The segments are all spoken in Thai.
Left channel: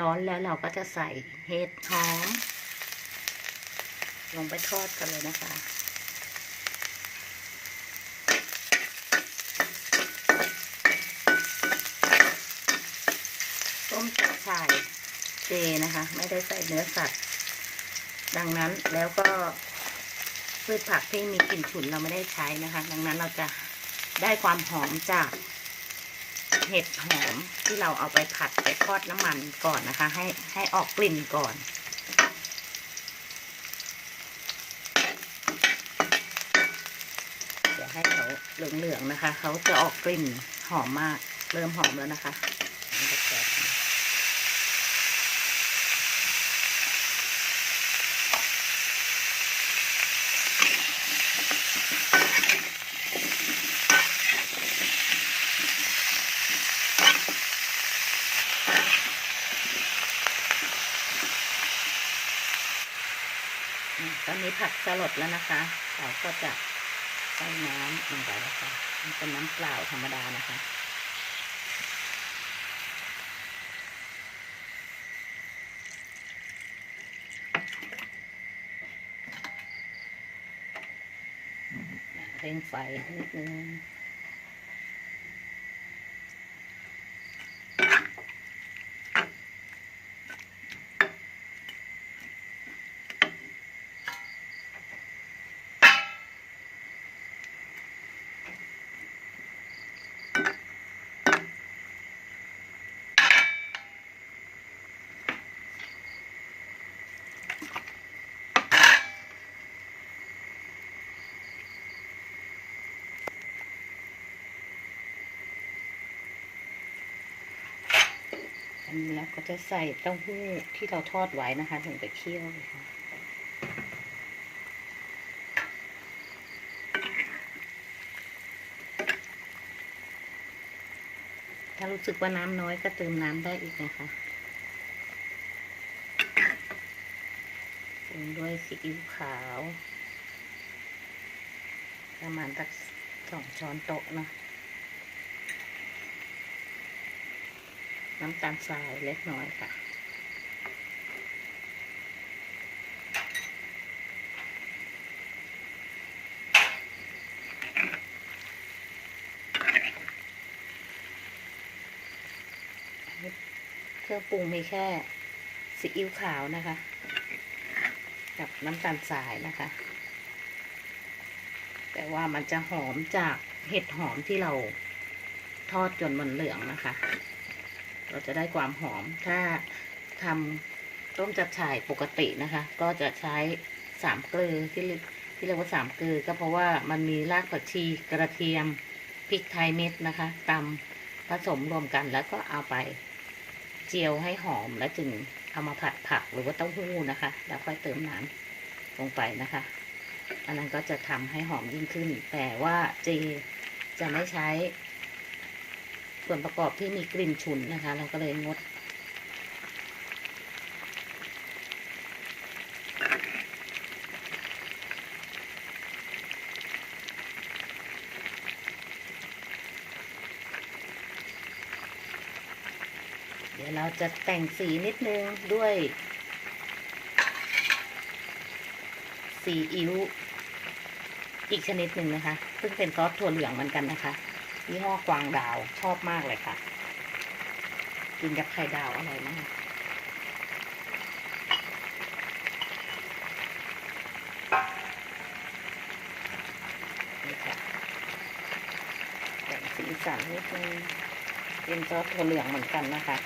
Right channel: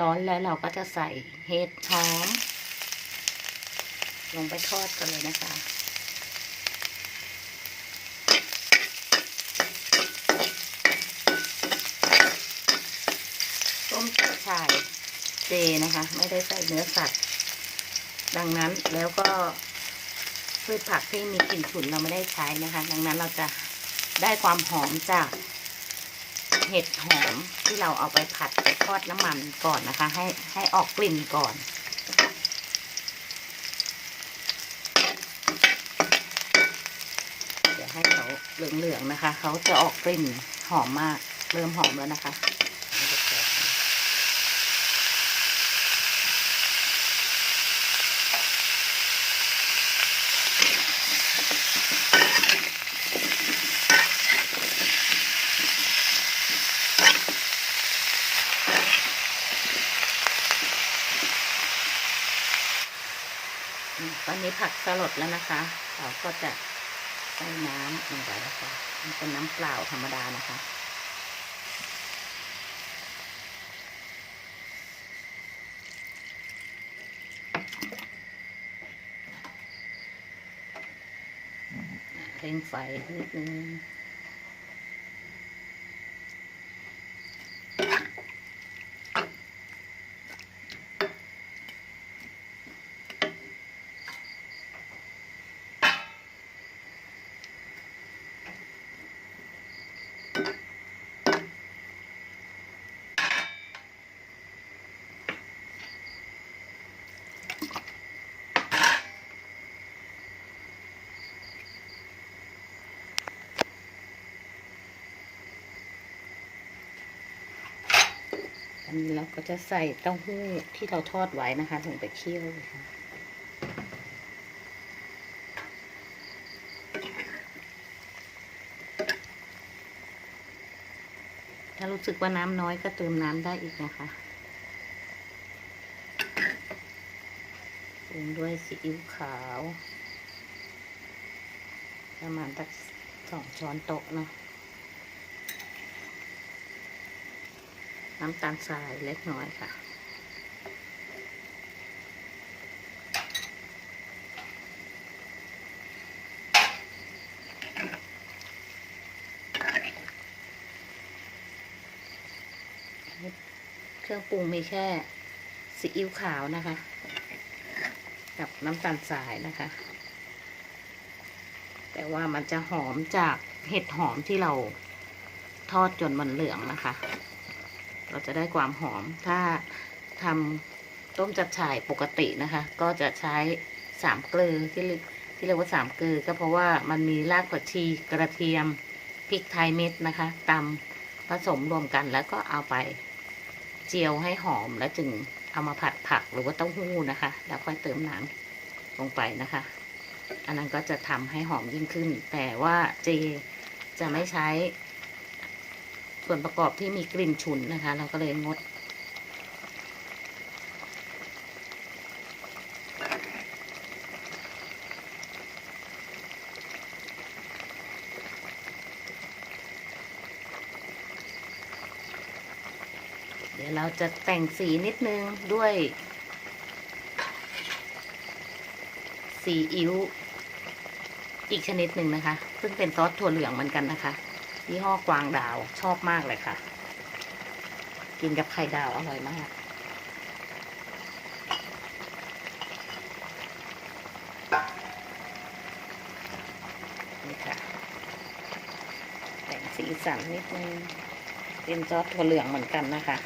ร้อนแล้วเราก็จะใส่เห็ดหอมลงไปทอดกันเลยนะคะ ต้มจับฉ่ายเจนะคะ ไม่ได้ใส่เนื้อสัตว์ ดังนั้นแล้วก็พืชผักที่มีกลิ่นฉุนเราไม่ได้ใช้นะคะ ดังนั้นเราจะได้ความหอมจาก เห็ดหอมที่เราเอาไปผัดไปทอดน้ำมันก่อนนะคะ ให้ให้ออกกลิ่นก่อนเดี๋ยวให้เขาเหลืองๆนะคะเขาจะออกกลิ่นหอมมาก เริ่มหอมแล้วนะคะ อืันนี้ผักสลดแล้วนะคะเราก็จะใส่น้ำลงไปนะคะมันเป็นน้ำเปล่าธรรมดานะคะเร่งไฟนิดนึง อันนี้เราก็จะใส่เต้าหู้ที่เราทอดไว้นะคะลงไปเคี่ยวเลยค่ะถ้ารู้สึกว่าน้ำน้อยก็เติมน้ำได้อีกนะคะปรุงด้วยซีอิ๊วขาว ประมาณสักสองช้อนโต๊ะเนาะ น้ำตาลทรายเล็กน้อยค่ะ เครื่องปรุงมีแค่ซีอิ๊วขาวนะคะ กับน้ำตาลทรายนะคะ แต่ว่ามันจะหอมจากเห็ดหอมที่เราทอดจนมันเหลืองนะคะ เราจะได้ความหอม ถ้าทำต้มจับฉ่ายปกตินะคะ ก็จะใช้สามเกลือที่เรียกที่เรียกว่าสามเกลือก็เพราะว่ามันมีรากผักชีกระเทียมพริกไทยเม็ดนะคะตำผสมรวมกันแล้วก็เอาไปเจียวให้หอมแล้วจึงเอามาผัดผักหรือว่าเต้าหู้นะคะ แล้วค่อยเติมน้ำลงไปนะคะ อันนั้นก็จะทำให้หอมยิ่งขึ้น แต่ว่าเจจะไม่ใช้ ส่วนประกอบที่มีกลิ่นฉุนนะคะ เราก็เลยงด เดี๋ยวเราจะแต่งสีนิดนึงด้วยสีอิ๊วอีกชนิดหนึ่งนะคะ ซึ่งเป็นซอสถั่วเหลืองเหมือนกันนะคะ ยี่ห้อกวางดาวชอบมากเลยค่ะ กินกับไข่ดาวอร่อยมาก นี่ค่ะแต่งสีสันนิดนึงเป็นซอสถั่วเหลืองเหมือนกันนะคะ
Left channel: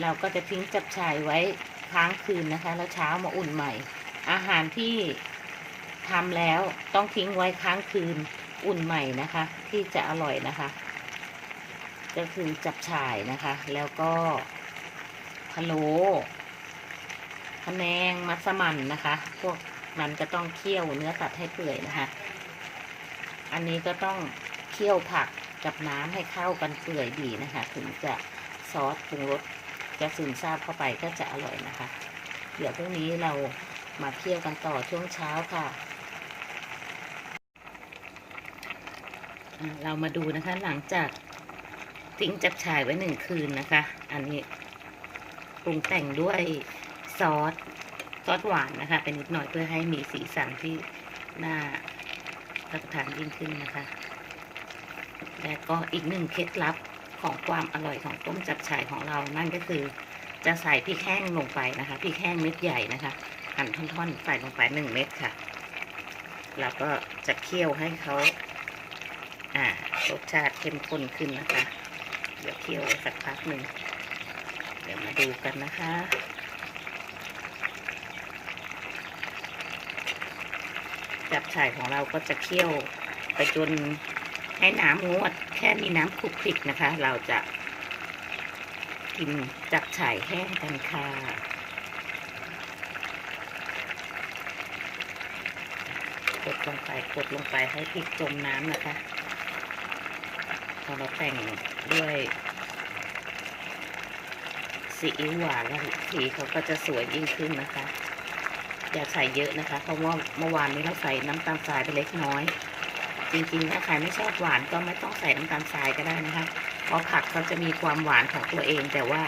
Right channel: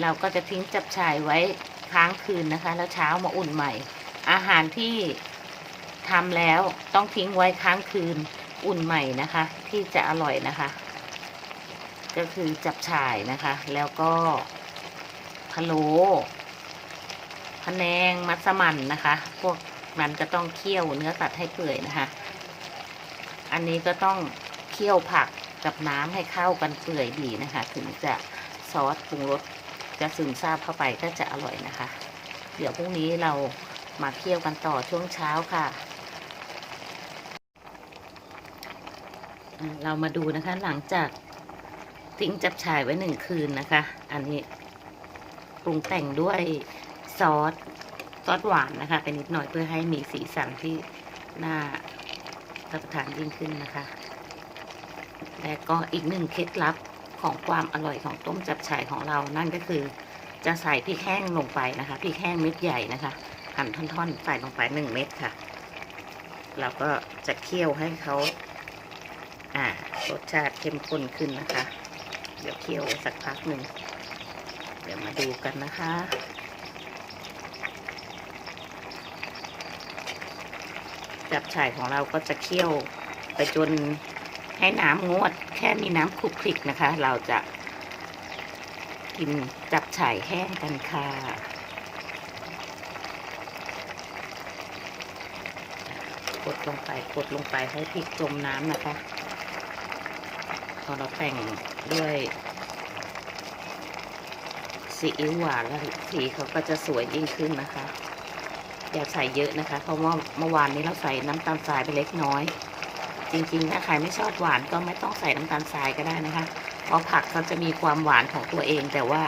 เราก็จะทิ้งจับฉายไว้ค้างคืนนะคะ แล้วเช้ามาอุ่นใหม่ อาหารที่ทำแล้วต้องทิ้งไว้ค้างคืนอุ่นใหม่นะคะ ที่จะอร่อยนะคะ ก็คือจับฉ่ายนะคะ แล้วก็พะโล้พะแนงมัสมั่นนะคะ พวกนั้นก็ต้องเคี่ยวเนื้อสัตว์ให้เปื่อยนะคะ อันนี้ก็ต้องเคี่ยวผักกับน้ำให้เข้ากันเปื่อยดีนะคะ ถึงจะซอสปรุงรส จะซึมซาบเข้าไปก็จะอร่อยนะคะ เดี๋ยวพรุ่งนี้เรามาเคี่ยวกันต่อช่วงเช้าค่ะ เรามาดูนะคะหลังจากทิ้งจับฉ่ายไว้หนึ่งคืนนะคะ อันนี้ปรุงแต่งด้วยซอสซอสหวานนะคะเป็นนิดหน่อยเพื่อให้มีสีสันที่น่ารับประทานยิ่งขึ้นนะคะ และก็อีกหนึ่งเคล็ดลับ ของความอร่อยของต้มจับฉ่ายของเรานั่นก็คือ จะใส่พริกแห้งลงไปนะคะพริกแห้งเม็ดใหญ่นะคะหั่นท่อนๆใส่ลงไปหนึ่งเม็ดค่ะแล้วก็จะเคี่ยวให้เขาอ่ารสชาติเข้มข้นขึ้นนะคะ เดี๋ยวเคี่ยวสักพักหนึ่งเดี๋ยวมาดูกันนะคะจับฉ่ายของเราก็จะเคี่ยวไปจน ให้น้ำงวดแค่มีน้ำคลุกคลิกนะคะ เราจะกินจับฉ่ายแห้งกันค่ะ กดลงไปกดลงไปให้พริกจมน้ำนะคะพอเราแต่งด้วยซีอิ๊วหวานแล้วสีเขาก็จะสวยยิ่งขึ้นนะคะ อย่าใส่เยอะนะคะ เพราะว่าเมื่อวานนี้เราใส่น้ำตาลทรายไปเล็กน้อย จริงๆถ้าใครไม่ชอบหวานก็ไม่ต้องใส่น้ำตาลทรายก็ได้นะคะ เพราะผักเขาจะมีความหวานของตัวเองแต่ว่า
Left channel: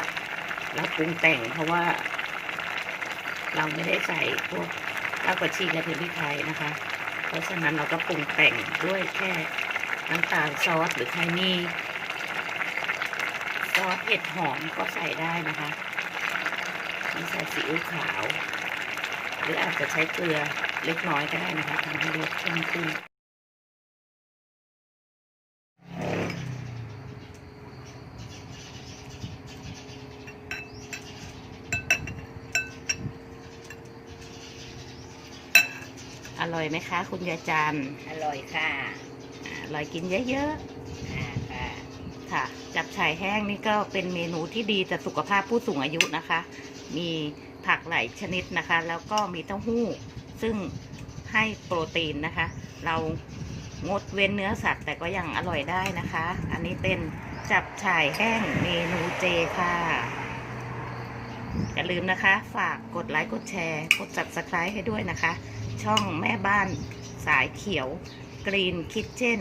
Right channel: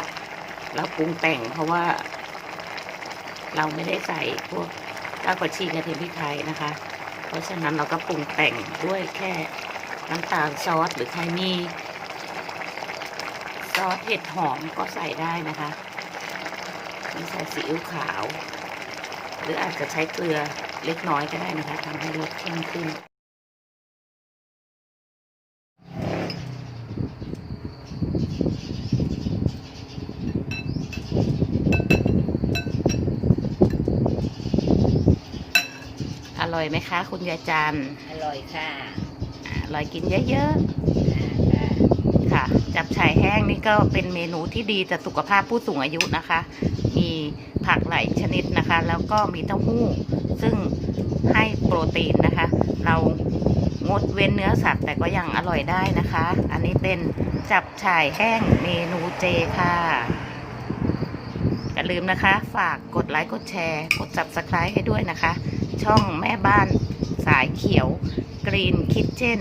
เราปรุงแต่งเพราะว่า เราไม่ได้ใส่พวกรากผักชีกระเทียมพริกไทยนะคะ เพราะฉะนั้นเราก็ปรุงแต่งด้วยแค่น้ำตาลซอสหรือใครมีซอสเห็ดหอมก็ใส่ได้นะคะมีใส่ซีอิ๊วขาว หรืออาจจะใช้เกลือเล็กน้อยก็ได้นะคะทำให้รสเข้มขึ้น ร่อยไหมคะ คุณยายจันทร์อร่อยค่ะอ่าอร่อยกินเยอะอ่าค่ะๆ ค่ะ จับฉ่ายแห้งนี่ก็เป็นเมนูที่ดีต่อสุขภาพผู้สูงอายุนะคะ มีผักหลายชนิดนะคะ แล้วก็มีเต้าหู้ ซึ่งให้โปรตีนนะคะ เรางดเว้นเนื้อสัตว์แต่ก็ยังอร่อยได้นะคะ อันนี้เป็นจับฉ่ายแห้งเมนูเจค่ะอย่าลืมนะคะ ฝากกดไลค์ กดแชร์ กด subscribe ให้ด้วยนะคะ ช่องแม่บ้านสายเขียวกรีนคิทเช่น